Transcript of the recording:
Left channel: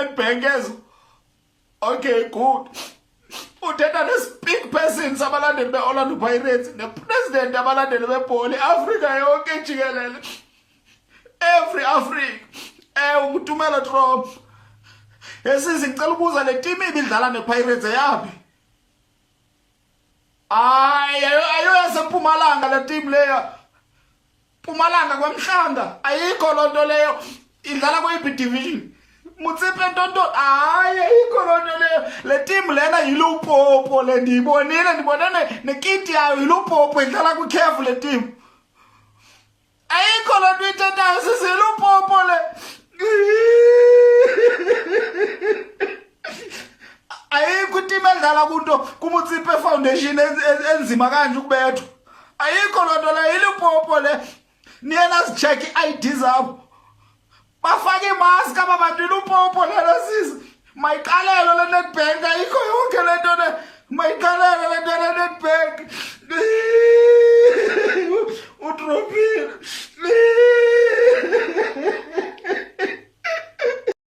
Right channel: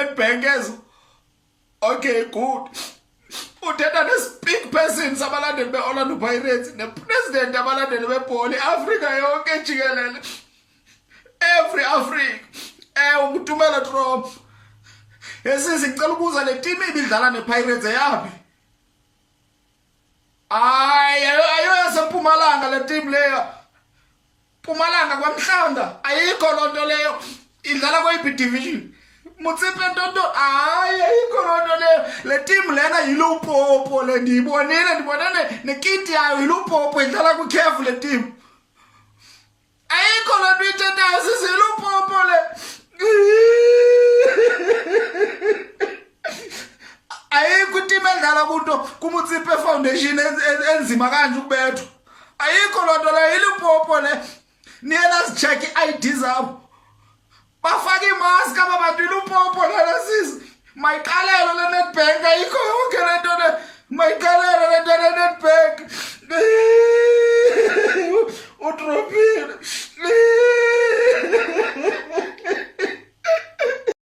Nedbank ezo. Okay, good. Uthetha ne-speak persons abalandeli be-Orlando Pirates ne-president abalandeli bebhola i-Afrika yonke jikelele. Every Africa. Ukuthumela Trump. Yesisi ngicela ukubuza le team ibidlala ne-Pirates yapi? Ayo yaseMpumalanga le team leyo. Mpumalanga kwaMhlanga ayikho lonto leyo. Idlala kwi-B division. Mutsipe ntonto ayikho lonto leyo. Le team lena yiLupopo le ndibonene nekiti yayo yiLupopo idlala ku-CAF le team. Ayikho lonto ithethayo sisiLupopo le. Ayikho team edlala kunto kuMutsipe Foundation enzima kanje ukubethwa. Ayikho lonto le yiLupopo le. Niyena sicheck i-ID zabo. Bafake imask ababantu iLupopo lena sisi. Mayiqalelo le Nedbank ayikho yonke lento le.